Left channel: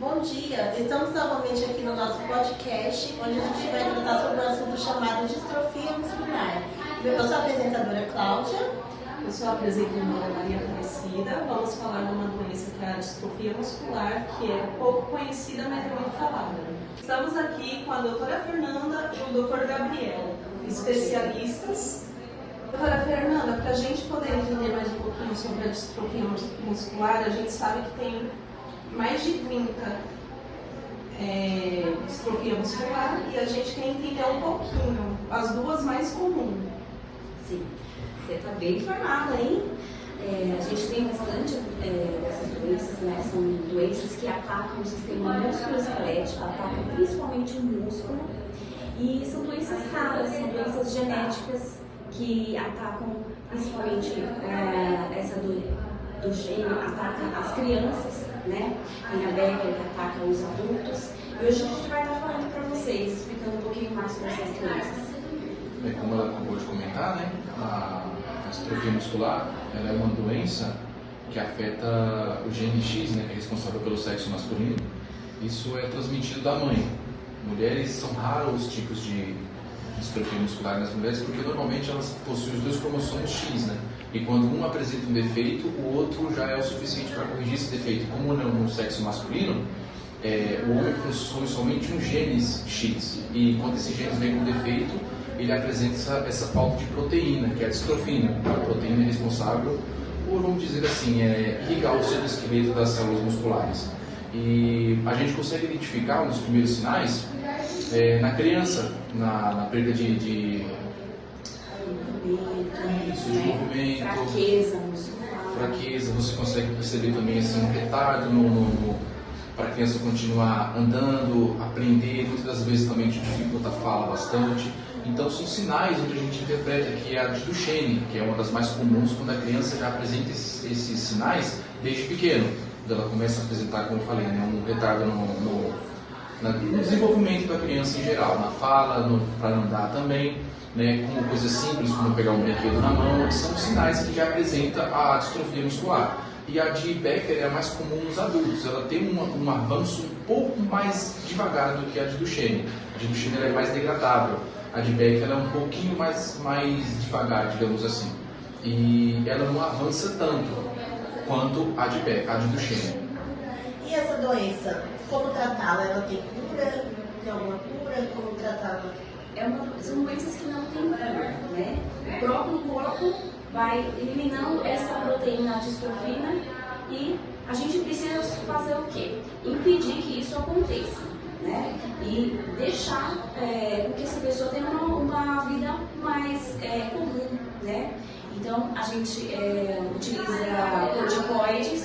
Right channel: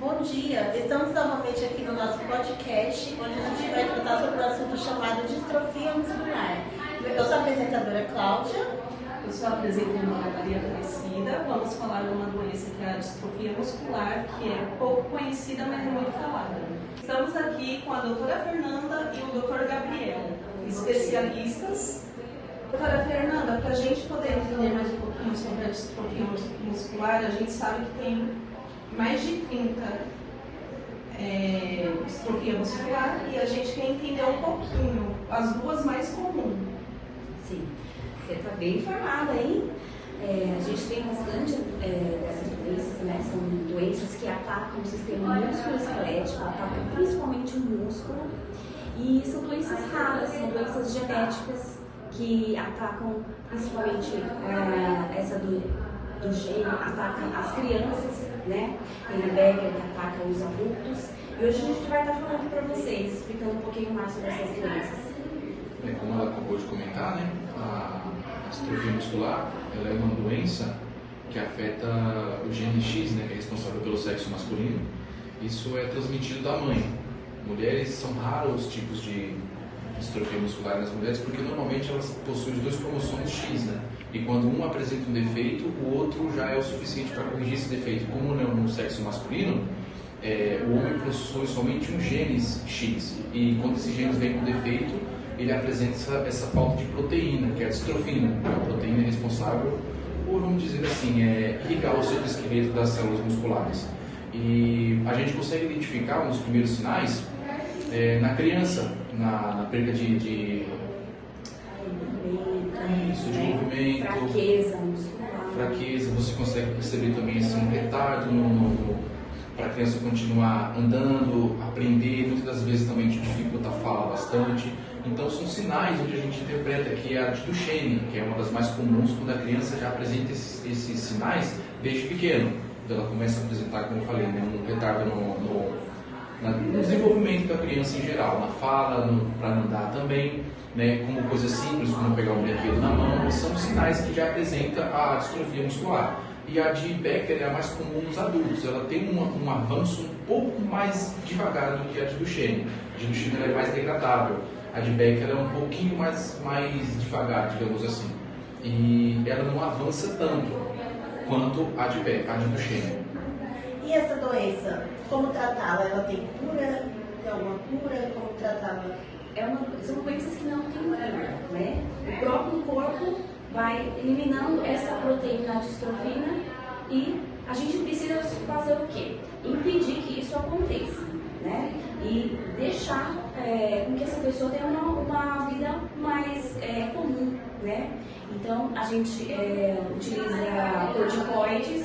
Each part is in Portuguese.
Bom dia, estamos novamente aqui no nosso podcast, onde a gente vai tratar sobre o assunto chamado distrofia muscular. Eu sou a apresentadora Cláudia. Eu sou a apresentadora Maria Aparecida. Vamos falar de uma doença que é a distrofia muscular, que é pouco conhecida, mas muito falada. Estamos aqui com a doutora Fernanda e o doutor Gabriel, especialistas. Doutora Fernanda, para a gente poder entender mais um pouquinho sobre a distrofia muscular, a gente sabe que tem mais de 30 distrofia muscular e a gente quer entender um pouquinho as duas mais comuns. Sim, você está bem informada, hein? A gente tem bastante dessas doenças, né? São doenças que atacam o sistema músculo-esquelético, atacam principalmente o músculo, e são doenças raras, são doenças genéticas que atacam principalmente essa do gene, atacam as crianças, né? Tem a Becker que ataca os adultos, e hoje a gente vai estar falando para vocês, explicando um pouquinho mais sobre essas doenças. Como ela acabou de comentar, né, a distrofia muscular ela é uma doença que afeta o gene X, né, que é responsável pelo sexo masculino. Isso é transmitido da mãe. Mulheres, são raros os tipos de distrofia muscular nas mulheres, porque normalmente elas possuem os dois cromossomos X, né? E quando um apresenta um defeito, o outro já é o suficiente para corrigir esse defeito. Como no sexo masculino, o homem possui somente um gene X, e quando esse gene vem com defeito, ele apresenta essa falta de proteína, que é a distrofina. A proteína é responsável por, vamos dizer assim, ligar o citoesqueleto das células musculares. E a gente consegue identificar um dos primeiros sinais na criança, na perda de desenvolvimento, fraqueza. Você consegue perceber também assim, um retardo para a criança continuar andando, aprender, muitas das vezes também dificulta a fala bastante. Então são sinais onde a gente interpreta que é a Duchenne, que é uma das mais comuns, quando a criança já apresenta esses sinais desde pequeno. Ela começa a apresentar, como eu falei, um retardo no desenvolvimento da criança em geral, na fala, para andar também, né, como coisas simples, como pegar um brinquedo na mão, são sinais que já apresenta a distrofia muscular. E a de Becker é a mais comum nos adultos, ela tem um avanço um pouco mais devagar do que a de Duchenne. A de Duchenne é mais degradável, a de Becker é um pouquinho mais devagar, digamos assim. E ela não avança tanto quanto a de Becker, a de Duchenne. E essa doença, como tratá-la? Ela tem cura? Tem alguma cura? Como tratá-la? São doenças que não têm cura, né? O próprio corpo vai eliminando essa proteína distrofina e a gente precisa fazer o quê? Impedir que isso aconteça, né? E deixar com que essa pessoa tenha uma vida mais comum, né? Então, a gente utiliza corticoides,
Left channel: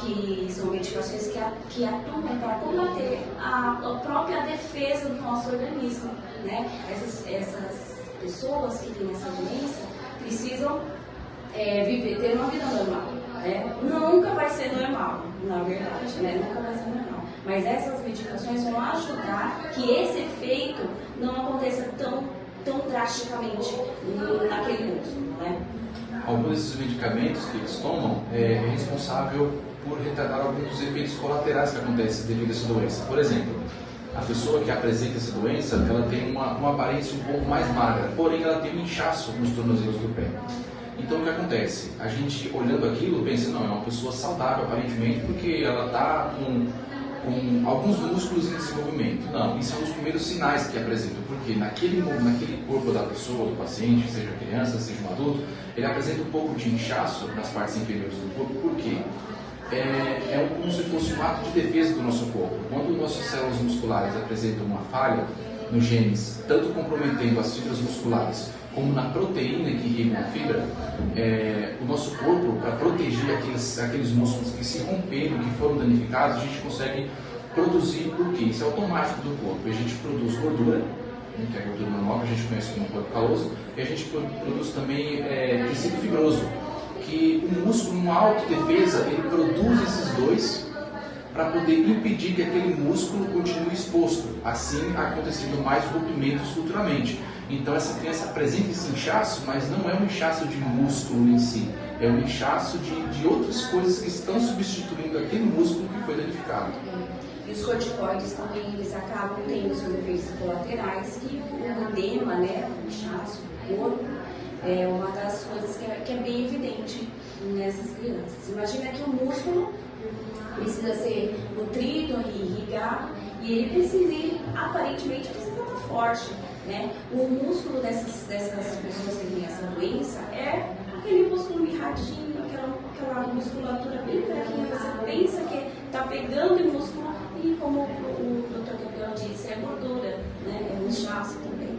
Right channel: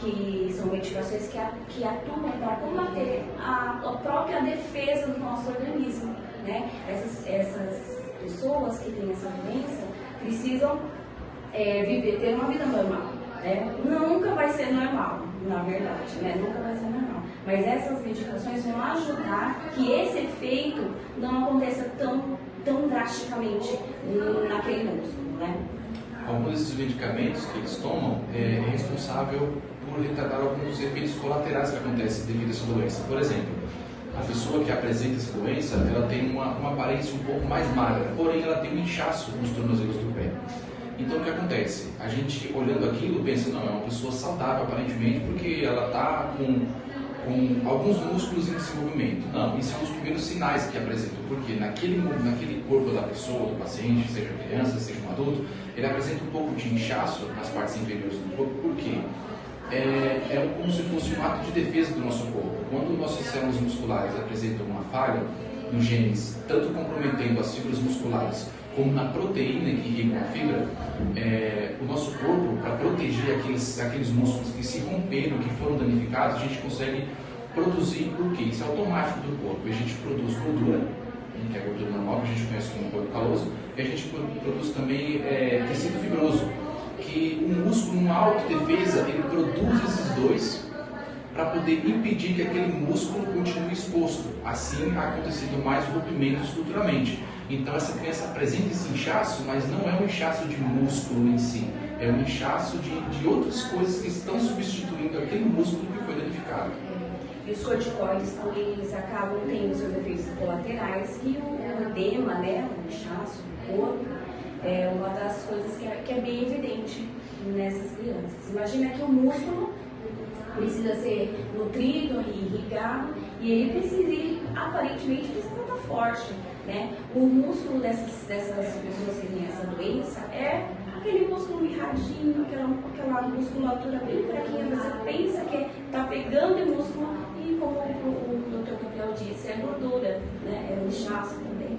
que são medicações que atuam para combater a própria defesa do nosso organismo, né? Essas pessoas que têm essa doença precisam ter uma vida normal, né? Nunca vai ser normal, na verdade, né? Nunca vai ser normal. Mas essas medicações vão ajudar que esse efeito não aconteça tão drasticamente naquele músculo, né? Alguns desses medicamentos que eles tomam é responsável por retardar alguns dos efeitos colaterais que acontecem devido a essa doença. Por exemplo, a pessoa que apresenta essa doença, ela tem uma aparência um pouco mais magra, porém ela tem um inchaço nos tornozelos do pé. Então o que acontece? A gente olhando aquilo pensa, não, é uma pessoa saudável aparentemente porque ela está com alguns músculos em desenvolvimento. Não, esses são os primeiros sinais que apresentam, porque naquele corpo da pessoa, do paciente, seja criança, seja um adulto, ele apresenta um pouco de inchaço nas partes inferiores do corpo. Por quê? É como se fosse um ato de defesa do nosso corpo. Quando nossas células musculares apresentam uma falha nos genes, tanto comprometendo as fibras musculares como na proteína que irriga a fibra, o nosso corpo, para proteger aqueles músculos que se romperam, que foram danificados, a gente consegue produzir o que? Isso é automático do corpo. A gente produz gordura, que é a gordura normal, que a gente conhece como corpo caloso, e a gente produz também tecido fibroso, que o músculo, em autodefesa, ele produz esses dois para poder impedir que aquele músculo continue exposto, assim acontecendo mais rompimentos futuramente. Então essa criança apresenta esse inchaço, mas não é um inchaço de músculo em si, é um inchaço de outras coisas que estão substituindo aquele músculo que foi danificado. complicado. E os corticoides também, eles acabam tendo seus efeitos colaterais, e o edema, né, o inchaço do corpo, é uma das coisas que é bem evidente nessas crianças. Imagina que o músculo precisa ser nutrido e irrigado, e ele aparentemente precisa estar forte, né? O músculo dessas pessoas que têm essa doença é aquele músculo mirradinho, aquela musculatura bem fraquinha. Você pensa que está pegando o músculo, e como o Dr. Campeão disse, é gordura, né? É um inchaço também.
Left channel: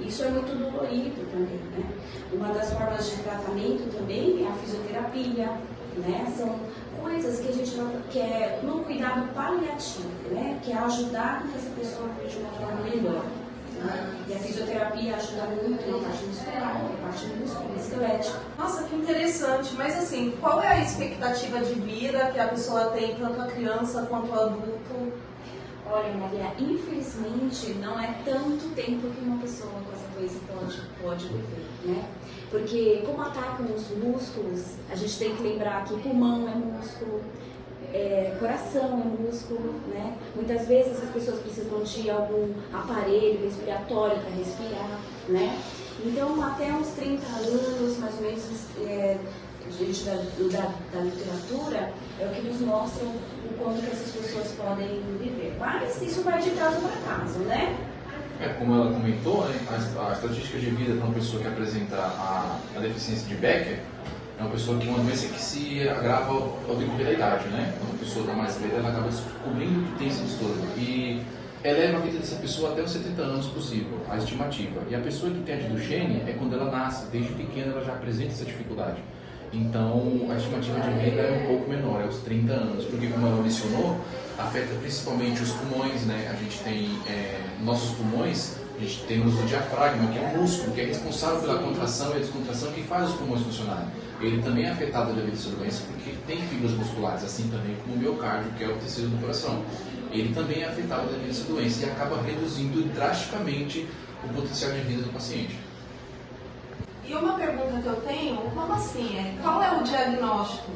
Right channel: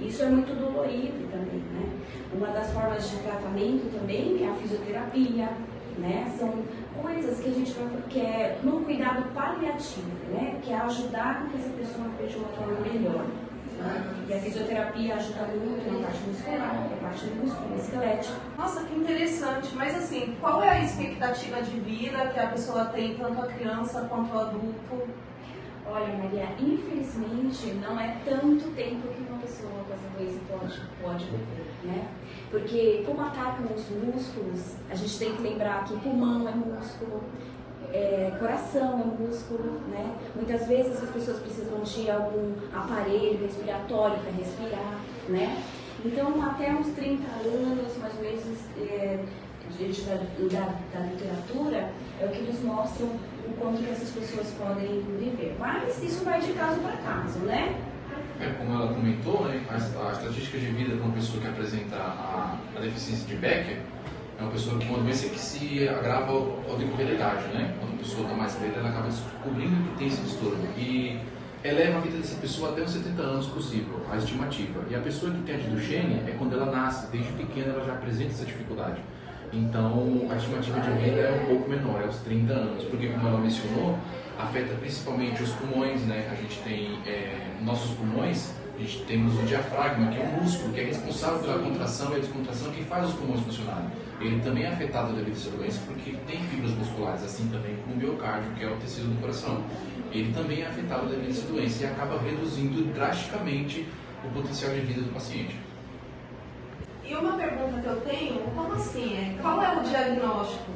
Isso é muito dolorido também, né? Uma das formas de tratamento também é a fisioterapia, né? São coisas que a gente quer no cuidado paliativo, né? Que é ajudar com que essa pessoa veja uma forma melhor. Né? E a fisioterapia ajuda muito na parte muscular, na parte musculoesquelética. Nossa, que interessante. Mas assim, qual é a expectativa de vida que a pessoa tem, tanto a criança quanto o adulto? Olha, Maria, infelizmente não é tanto tempo que uma pessoa com essa doença pode viver, né? Porque como atacam os músculos, a gente tem que lembrar que pulmão é músculo, coração é músculo, né? Muitas vezes as pessoas precisam de algum aparelho respiratório para respirar, né? Então, até uns 30 anos, mais ou menos, diante da literatura, é o que nos mostram o quanto que essas pessoas podem viver. Mas isso vai de caso para caso, né? Como ela comentou, né, a estatística de vida de uma pessoa que apresenta a deficiência de Becker é uma pessoa que é uma doença que se agrava ao decorrer da idade, né? Quando a pessoa está mais velha, ela acaba descobrindo que tem esse distúrbio. E eleva a vida dessa pessoa até os 70 anos possível, a estimativa. E a pessoa que tem a de Duchenne é quando ela nasce, desde pequena ela já apresenta essa dificuldade. Então, a estimativa de vida é um pouco menor, é os 30 anos, porque, como ela mencionou, afeta principalmente os pulmões, né? A gente tem nossos pulmões, a gente tem o diafragma, que é um músculo, que é responsável pela contração e descontração, que faz os pulmões funcionarem. Ele também é afetado devido a essa doença, porque ele tem fibras musculares, assim também como o miocárdio, que é o tecido do coração. Ele também é afetado devido a essa doença e acaba reduzindo drasticamente o potencial de vida do paciente. E uma pergunta que eu tenho, como assim? Qual é o diagnóstico?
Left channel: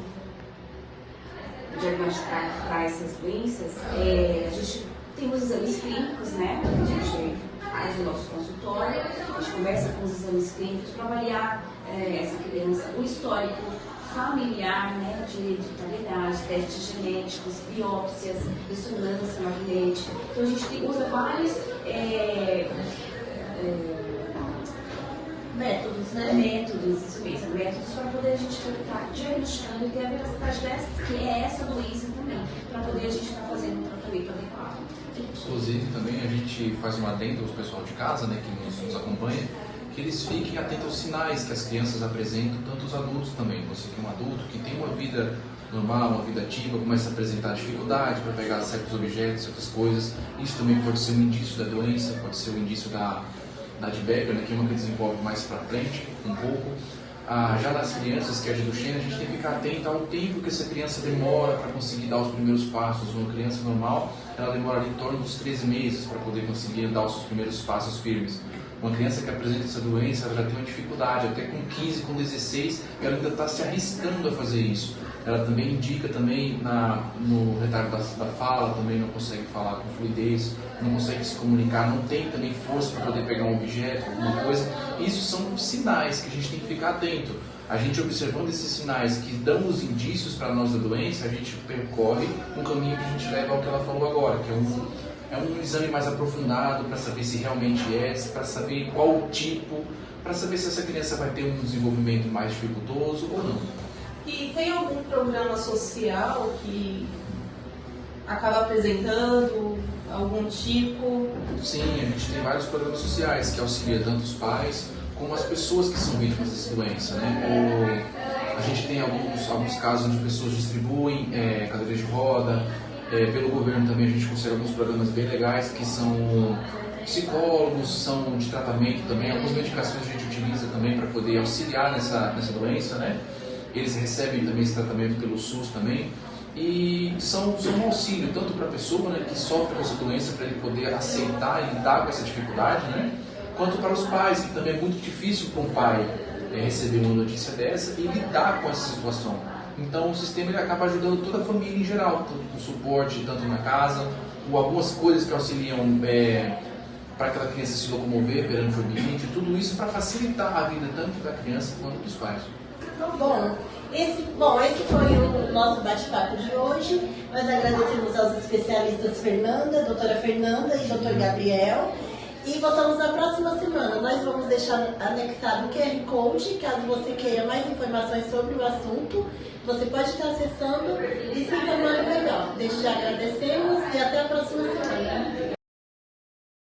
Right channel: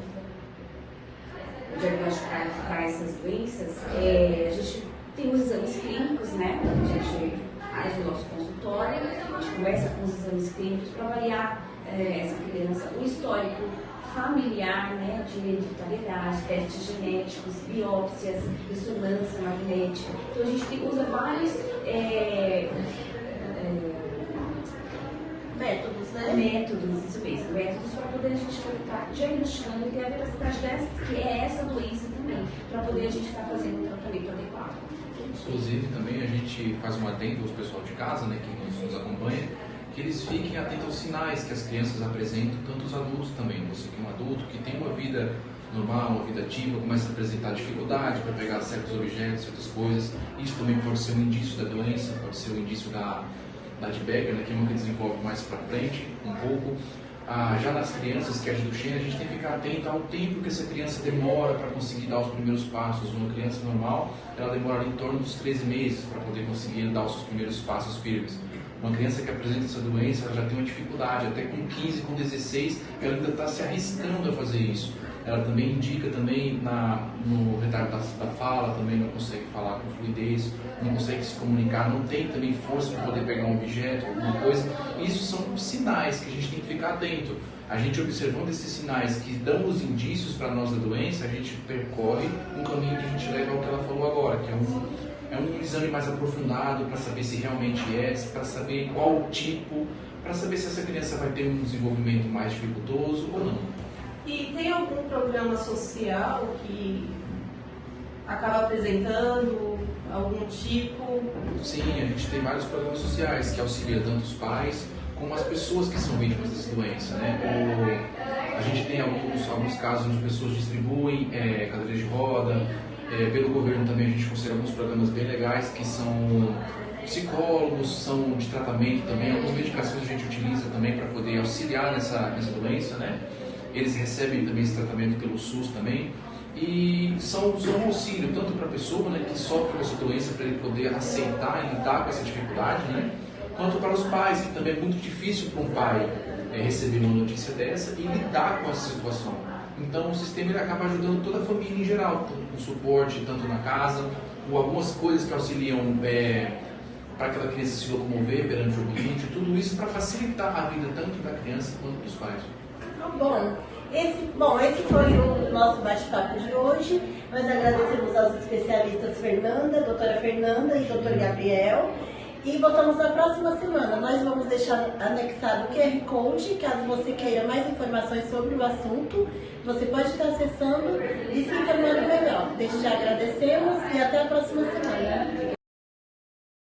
O diagnóstico para essas doenças, a gente tem os exames clínicos, né? A gente faz o nosso consultório, a gente conversa com os exames clínicos para avaliar essa criança, o histórico familiar, né? De hereditariedade, testes genéticos, biópsias, ressonância magnética. Então a gente usa vários métodos, né? Métodos, isso mesmo, métodos para poder a gente estar diagnosticando e ter a veracidade dessa, que é essa doença também, para poder a gente estar fazendo um tratamento adequado. Inclusive, também a gente faz uma adendo aos pessoal de casa, né, que nos acompanha, que eles fiquem atentos aos sinais que as crianças apresentam, tanto os adultos também. Você tem um adulto que tem uma vida normal, uma vida ativa, começa a apresentar dificuldade para pegar certos objetos, certas coisas. Isso também pode ser um indício da doença, pode ser um indício da de Becker, né, que é uma que desenvolve mais para frente, um pouco. Já nas crianças, que é a de Duchenne, a gente tem que ficar atento ao tempo que essa criança demora para conseguir dar os primeiros passos. Uma criança normal, ela demora em torno dos 13 meses para poder conseguir dar os seus primeiros passos firmes. Uma criança que apresenta essa doença, ela já tem uma dificuldade, até com 15, com 16, ela ainda está se arriscando a fazer isso. Ela também indica também no retardo da fala, também não consegue falar com fluidez, não consegue se comunicar, não tem também força para poder pegar um objeto, alguma coisa. Isso são sinais que a gente tem que ficar atento. A gente observando esses sinais que dão os indícios para nós da doença, a gente percorre um caminho que a gente leva ao que ela falou agora, que é um exame mais aprofundado para saber se realmente para saber qual o tipo, para saber se essa criança vai ter um desenvolvimento mais dificultoso ou não. E tem algum programa social que acaba apresentando algum tipo? Sim, a gente tem vários programas sociais que auxiliam tanto os pais como as pessoas que são vítimas dessa doença, né? A gente tem alguns casos onde pessoas distribuem cadeiras de roda, pelo governo também a gente considera alguns programas bem legais que são psicólogos, são de tratamento também, algumas medicações a gente utiliza também para poder auxiliar nessa doença, né? Eles recebem também esse tratamento pelo SUS também e são um auxílio tanto para a pessoa, né, que sofre com essa doença, para ele poder aceitar e lidar com essa dificuldade, né, quanto para os pais, que também é muito difícil para um pai receber uma notícia dessa e lidar com essa situação. Então o sistema ele acaba ajudando toda a família em geral, tanto com suporte, tanto na casa, ou algumas coisas que auxiliam para aquela criança se locomover perante o ambiente, tudo isso para facilitar a vida tanto da criança quanto dos pais. Bom, esse foi o nosso bate-papo de hoje. Nós agradecemos aos especialistas doutora Fernanda e doutor Gabriel. E voltamos na próxima semana. Nós vamos deixar anexado o QR Code, caso você queira mais informações sobre o assunto. Você pode estar acessando e se informando melhor. Desde já agradecemos e até a próxima semana.